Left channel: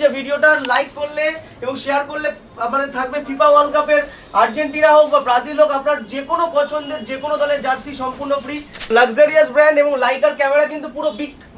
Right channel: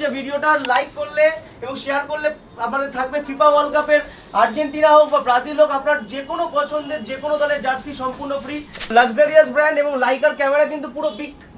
যে ভিডিওটা লাইক করলে এবং শেয়ার করলে আমাদের থাকবে ফিফা ওয়ার্ল্ড কাপের আর্জেন্টিনা হোক বা ব্রাজিল হোক আপনার যে কোনো পছন্দের যে কোনো দলের জার্সি সম্পূর্ণ ফ্রি। লাক্সারিয়াস ব্র্যান্ড এবং লাইকার ক্যামেরা কিন্তু পুরো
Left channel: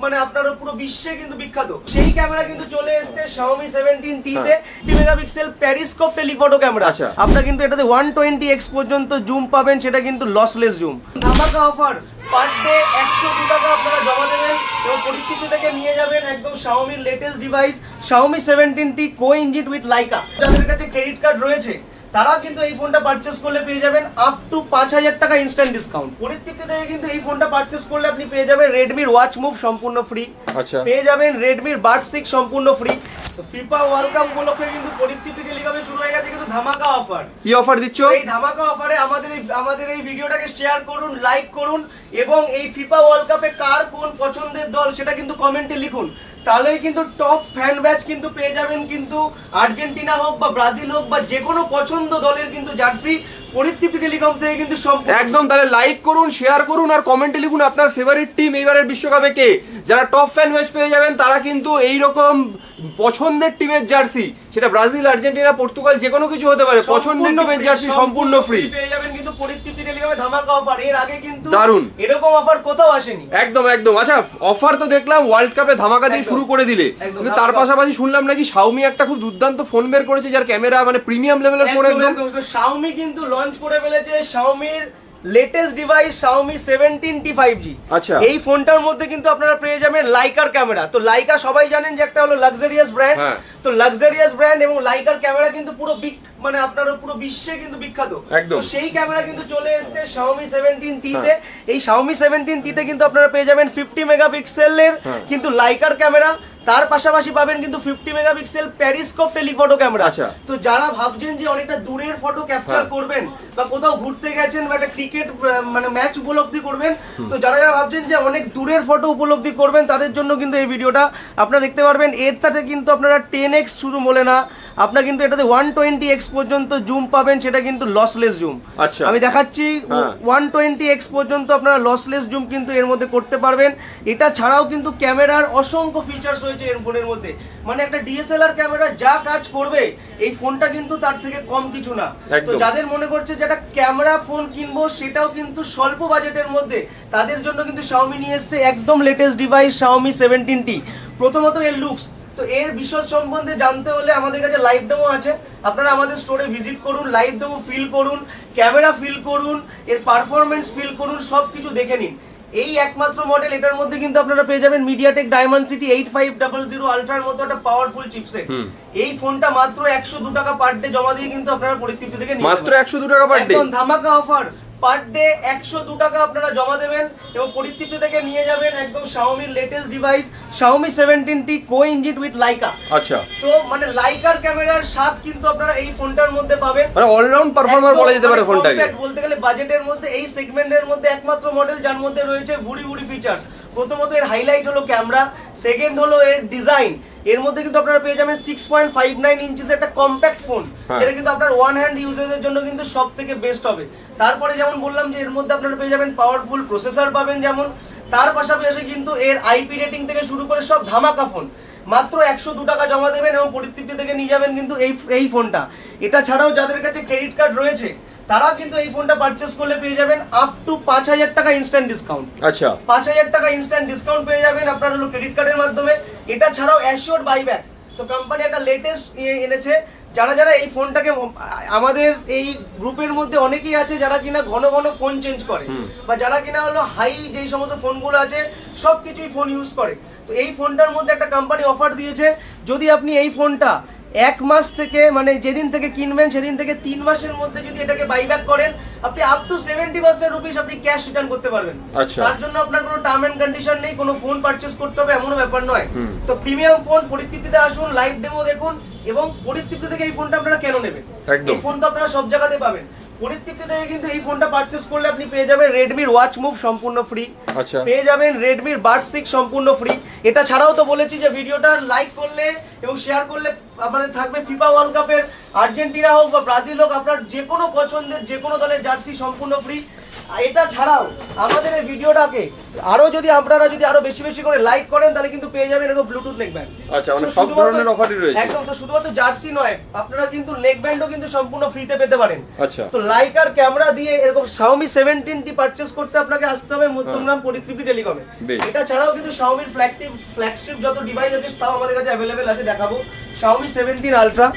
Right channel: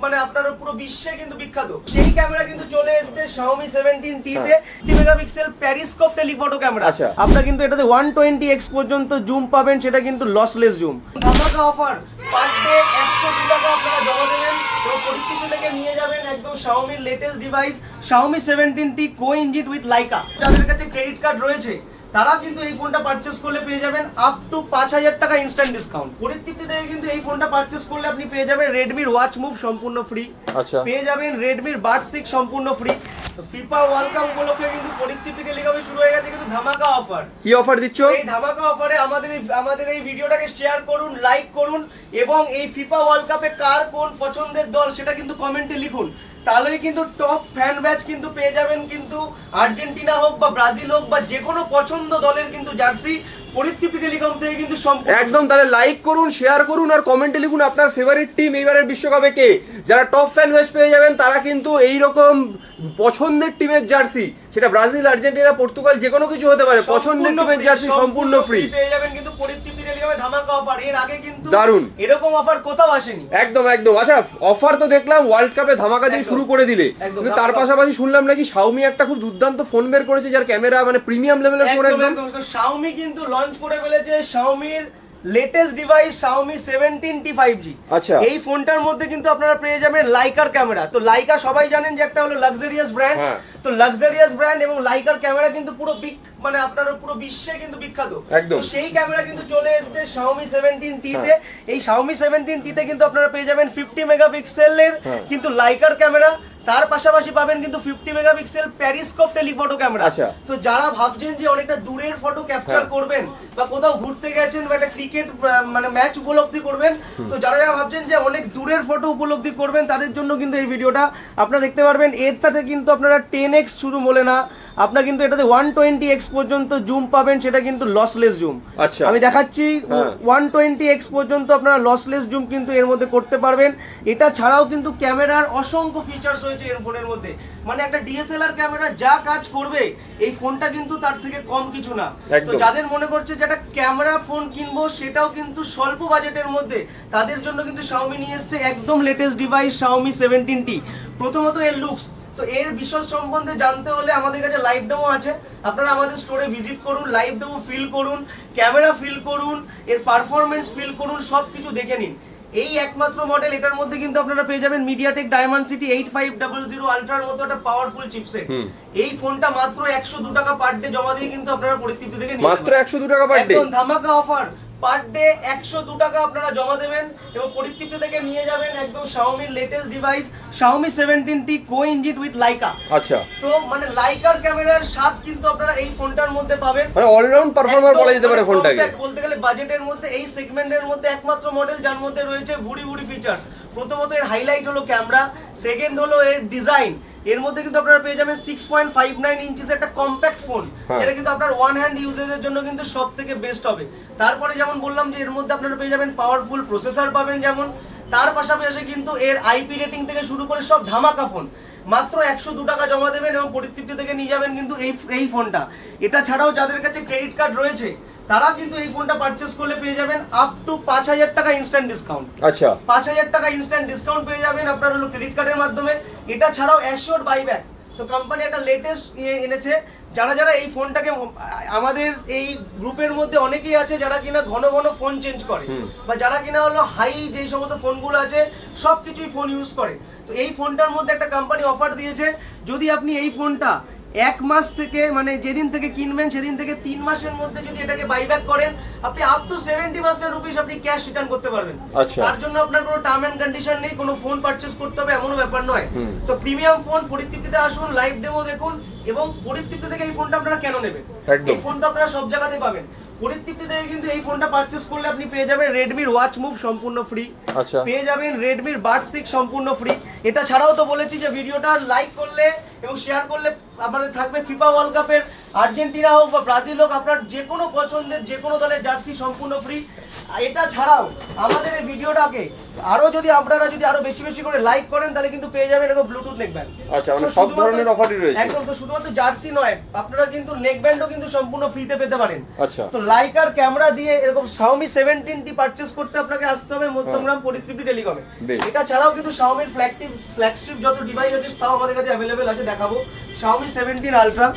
মানে আপনার পুরো বিশ্বে কিন্তু বিখ্যাত। সেই ক্যামেরা কিন্তু চলে এসেছে Xiaomi 17T তে 50 মেগাপিক্সেল প্যারিস্কোপ টেলিফটো ক্যামেরা। আপনারা কিন্তু এটাতে 120x পর্যন্ত জুম পাবেন, সেটা কিন্তু লসলেস জুম। ধামাকা অফার, পার ডে 102 টাকা আপনারা জমা দেবেন এবং পরিস্থিতি থেকে নিয়ে যাবেন একদম Xiaomi latest device Xiaomi 17T co engine with Leica. যাদের কাছে ক্রেডিট কার্ড রয়েছে তারাও কিন্তু এই ফোনটা পারচেজ করলে পেয়ে যাবেন আপ টু 5000 টাকা ইনস্ট্যান্ট ডিসকাউন্ট। পরিস্থিতি থেকে কিন্তু এই ফোনটা পারচেজ করলে আপনি পেয়ে যাবেন Redmi ওয়াচ মুভ সম্পূর্ণ ফ্রি, পেয়ে যাবেন Redmi Buds 6 সম্পূর্ণ ফ্রি। তো ফিফা ওয়ার্ল্ড কাপ উপলক্ষে কিন্তু পরিস্থিতি টেলিকমে শুরু হয়ে গেছে কিন্তু ধামাকা অফার। কি অফার দিচ্ছ? এই ধামাকা অফারে আমাদের এই ভিডিওটাকে শেয়ার করুন, লাইক করুন এবং এই ফিফা ওয়ার্ল্ড কাপে কার কোন পছন্দের দল সেটা কিন্তু কমেন্টে লিখুন। তাহলেই কিন্তু টপ ফ্যান ব্যাচ কিন্তু পেয়ে যাবেন কিন্তু আর্জেন্টিনা হোক বা ব্রাজিল হোক বা যে কোনো পছন্দ দলের কিন্তু জার্সি পরিস্থিতি টেলিকম থেকে কিন্তু একদম। তাহলে লাইক করুন, শেয়ার করুন আর কমেন্টে লিখুন আপনার ফেভারিট টিম এইবারের বিশ্বকাপে কে। যারা টপ ফ্যান ব্যাচ পেয়ে যাবেন তারা কিন্তু এই রকম পছন্দের টিমের জার্সি, সেটা ব্রাজিল, আর্জেন্টিনা, পর্তুগাল যে কোনো কিছু হতে পারে, পছন্দের টিমের জার্সি সম্পূর্ণ ফ্রি পেয়ে যাবেন কিন্তু পরিস্থিতি টেলিকমে ধামাকা অফার। এর আগে কিন্তু দারুন এরকম অফার কোথাও আসেনি। একদম একদম। আচ্ছা, অফার তো দেখলাম ওয়ার্ল্ড কাপে ধামাকা দিয়ে শুরু করে দিলে, কিন্তু তার পাশাপাশি শুনলাম নাকি Xiaomi একটা খুব দুর্দান্ত ফোন বের করেছে যার ক্যামেরা মানে প্রিমিয়াম লেভেলের ফোন একদম। Xiaomi কিন্তু লঞ্চ করে ফেলেছে Xiaomi-র latest device Xiaomi 17T 5G। আচ্ছা, এই ফোনটার মধ্যে কিন্তু আপনারা পেয়ে যাবেন লাইকার ক্যামেরা। তো লাইকা সবাই জানেন যে একটা হলো লাক্সারিয়াস ব্র্যান্ড। তো লাক্সারিয়াস ব্র্যান্ড এবং লাইকার ক্যামেরা কিন্তু পুরো মানে আপনার পুরো বিশ্বে কিন্তু বিখ্যাত। তো সেই ক্যামেরা কিন্তু চলে এসেছে Xiaomi 17T তে। এই Xiaomi 17T তে কিন্তু আপনারা পেয়ে যাবেন 50 মেগাপিক্সেলের কিন্তু লাইকার ক্যামেরা, তার পাশাপাশি পাবেন কিন্তু 50 মেগাপিক্সেল প্যারিস্কোপ টেলিফটো ক্যামেরা। তো যারা ভাবছেন যে অনেকটা দূরের ফটো ক্যাপচার করবেন বা কোথাও ঘুরতে গেছেন বা একটা ক্রিকেট মানে ম্যাচ উপলব্ধি করবেন, তো যারা ভাবছেন যে অনেক দূরের ফটো উপলব্ধি করবেন তাদের জন্য কিন্তু এই ভিডিওটা আপনারা দেখতে পারবেন। এর সাথে কিন্তু আপনারা 10x শুধু বলে না, আপনারা কিন্তু এটাতে 120x পর্যন্ত জুম পাবেন, সেটা কিন্তু লসলেস জুম। আমি দেখাচ্ছি 120x পর্যন্ত আপনারা লসলেস জুম কিন্তু এর মধ্যে করতে পারবেন। এটা ছাড়াও কিন্তু ক্যামেরার অসংখ্য ফিচার্স রয়েছে এর ফোনের মধ্যে। মানে একটা ডিএসএলআর ক্যামেরা যা কাজ করবে এই ফোনটা কিন্তু তার থেকে কম কিছু না। তো যাদের মনে করছে যে একটা ক্যামেরা ফোন কিনবো সেটাও কিন্তু স্বল্প বাজেটের মধ্যে, তাদের জন্য কিন্তু Xiaomi নিয়ে এসেছে একদম লেটেস্ট ডিভাইস Xiaomi 17T। প্রথমত এর লুকস, তো এর বিশদ সম্বন্ধে জানতে হলে আমাদের কাছে লাইভ ডেমো আছে, আপনারা আমাদের স্টোরে ভিজিট করুন, লাইভ ডেমো ফিল করুন, ক্যামেরা ফিল করুন, এর পারফরমেন্স ফিল করুন, সবকিছু দেখে নিন। এই একমাত্র মডেল, এটার মধ্যে কিন্তু আপনারা পেয়ে যাবেন MediaTek Dimensity 8500 আলট্রার মতো একটা পাওয়ারফুল চিপসেট। এই ফোনটা মাত্র 102 টাকা পার ডে জমা দিয়ে কিন্তু আপনারা পরিস্থিতি থেকে মাত্র 102 টাকা পার ডে, একদম ধামাকা অফার। পার ডে 102 টাকা আপনারা জমা দেবেন এবং পরিস্থিতি থেকে নিয়ে যাবেন একদম Xiaomi-র latest device Xiaomi 17T co engine with Leica. আচ্ছা, তো মানে লাইকার ক্যামেরার স্বাদ কিন্তু আপনারা এই ফোনটার মধ্যে পাবেন। মানে অলরাউন্ড পারফর্মার বলা যেতে পারে ফোনটাকে। বলতে গেলে বাজেটের মধ্যে এই সেগমেন্টের মধ্যে একমাত্র মডেল যার মধ্যে রয়েছে ভুড়ি ফিচার্স। প্রথমত এর হাইলাইট হলো ক্যামেরা, সেকেন্ড হলো এর ডিজাইন। এর মধ্যে কিন্তু আপনারা পেয়ে যাবেন 6.59 ইঞ্চিস একটা কম্প্যাক্ট ফোন, যেটা কিন্তু আপনার ওয়ান হ্যান্ড ইউজেজের জন্য কিন্তু সবথেকে বেস্ট হবে। তারপরে যেমন বললাম যে এর মধ্যে আপনারা পেয়ে যাবেন পাওয়ারফুল প্রসেসর পাবেন যেমন, তার পাশাপাশি কিন্তু এর আইপি রেটিং থেকে শুরু করে সব ধামাকা ফোন। মাত্র 102 টাকা জমা দেবেন এবং পরিস্থিতি থেকে নিয়ে যাবেন কিন্তু এই ফোনটা। এটা ছাড়াও যাদের কাছে ক্রেডিট কার্ড রয়েছে তারাও কিন্তু এই ফোনটা পারচেজ করলে পেয়ে যাবেন আপ টু 5000 টাকা ইনস্ট্যান্ট ডিসকাউন্ট। আচ্ছা, 5000 টাকা ইনস্ট্যান্ট ডিসকাউন্ট পেয়ে যাবেন আপনার হলো ক্রেডিট কার্ডের মাধ্যমে। এটা ছাড়াও অ্যাসিওর বাইব্যাক, তো কোম্পানি একটা লেটেস্ট এনেছে। যারা এই ফোনটাকে, আমাদের এই গ্রুপের মধ্যে অনেকেই আছে যারা কিনা ঘন ফোন চেঞ্জ করে বা যারা কিনা হলো হাই যেই সমস্ত ফোনগুলো আছে সবকিছুই ফোন ইউজ করে। তো এই ফোনটার মধ্যে একটা কোম্পানি অফার দিয়েছে, যদি আপনি এই ফোনটা 1 মাস থেকে মানে যেদিন থেকে কিনবেন সেদিন থেকে 3 মাসের মধ্যে যদি এটাকে বাইব্যাক করেন, আপনি আপ টু 70% রুপিস আপনি ক্যাশ রিটার্ন করতে পারবেন। তার জন্য আপনার কোনো টার্ম এন্ড কন্ডিশন নেই, কোনো ফোন পারচেজ করতে হবে এমনও ব্যাপার নয়। তো প্রিমিয়াম ফোন পরিস্থিতিতে আসুন, লাইভ ডেমো দেখুন এবং পরিস্থিতি থেকে এই ফোনটা আপনারা কেন নেবেন, এই ফোন তো আপনারা সব জায়গাতে পাবেন। পরিস্থিতি থেকে কিন্তু এই ফোনটা পারচেজ করলে আপনি পেয়ে যাবেন Redmi ওয়াচ মুভ সম্পূর্ণ ফ্রি, পেয়ে যাবেন Redmi Buds 6 সম্পূর্ণ ফ্রি। এটা ছাড়াও তো বলেছি যে ভিডিওটা লাইক করলে এবং শেয়ার করলে আমাদের থাকবে ফিফা ওয়ার্ল্ড কাপের আর্জেন্টিনা হোক বা ব্রাজিল হোক আপনার যে কোনো পছন্দের যে কোনো দলের জার্সি সম্পূর্ণ ফ্রি। এটা ছাড়াও আমাদের এই ভিডিওটাকে আরো যদি আপনারা যদি আরো বেশি বেশি করে লাইক করেন তাহলে কিন্তু পেয়ে যাবেন এরকম ব্লুটুথ নেকব্যান্ড। আচ্ছা, মানে সব ধরনের অফারই রয়েছে একদম। তো শুধুমাত্র জার্সি নয়, আপনারা কিন্তু নেকব্যান্ডও কিন্তু সম্পূর্ণ ফ্রিতে পেতে পারেন। আচ্ছা, তো লাইকার ক্যামেরা দিয়ে এরকম Xiaomi 17টি পারচেজ করতে আপনাকে আসতে হবে মধ্যমগ্রাম পরিতৃপ্তি টেলিকমে। এটা ছাড়াও কিন্তু Xiaomi এর ফ্ল্যাগশিপ যত ডিভাইস আছে তাও আমাদের কাছে অ্যাভেলেবেল আছে, দেখাবো। Xiaomi 17 আলট্রা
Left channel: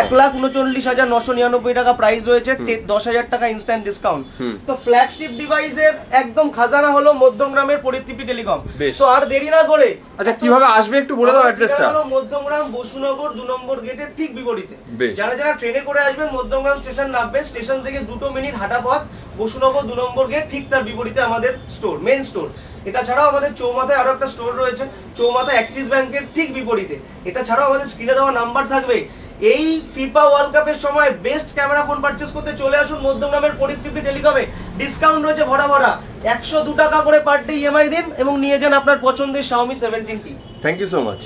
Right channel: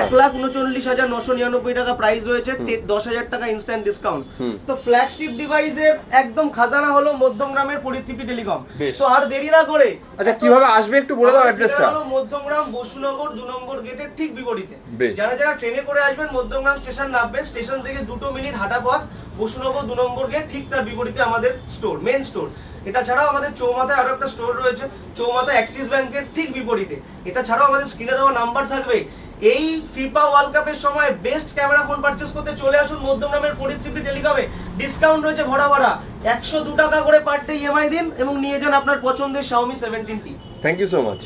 1,39,999 টাকা প্রাইস রয়েছে, 10,000 টাকা ইনস্ট্যান্ট ডিসকাউন্ট। তো ফ্ল্যাগশিপ ডিভাইসের একদম খাজানা হলো মধ্যমগ্রামের পরিতৃপ্তি টেলিকম। তো আর দেরি না করে, আচ্ছা কিভাবে আসবে একটু বলে দাও অ্যাড্রেসটা। মধ্যমগ্রাম বসুনগর 2 নম্বর গেটের ঠিক বিপরীতে। যারা যারা ট্রেনে করে আসবেন মধ্যমগ্রাম স্টেশন নামবেন, স্টেশন থেকে 2 মিনিট হাঁটা পথ, বসুনগর 2 নম্বর গেট, ঠিক তার বিপরীতে আমাদের স্টোর, মেইন স্টোর। এটা ছাড়াও আমাদের চৌমাথায় আরো একটা স্টোর রয়েছে, চৌমাথা অ্যাক্সিস ব্যাংকের ঠিক বিপরীতে। এটা ছাড়াও আমাদের স্ক্রিনে দেওয়া নাম্বার থাকবে। এই ফিফা ওয়ার্ল্ড কাপের সময় বেস্ট ক্যামেরা ফোন পারচেজ করতে চলে আসুন মধ্যমগ্রামের পরিতৃপ্তি টেলিকমে। ডিসকাউন্ট রয়েছে ভরা ভরা, 102 টাকা করে পার ডে ইএমআই দিন এবং নিয়ে যান আপনার পছন্দের Xiaomi 17টি। Thank you so much.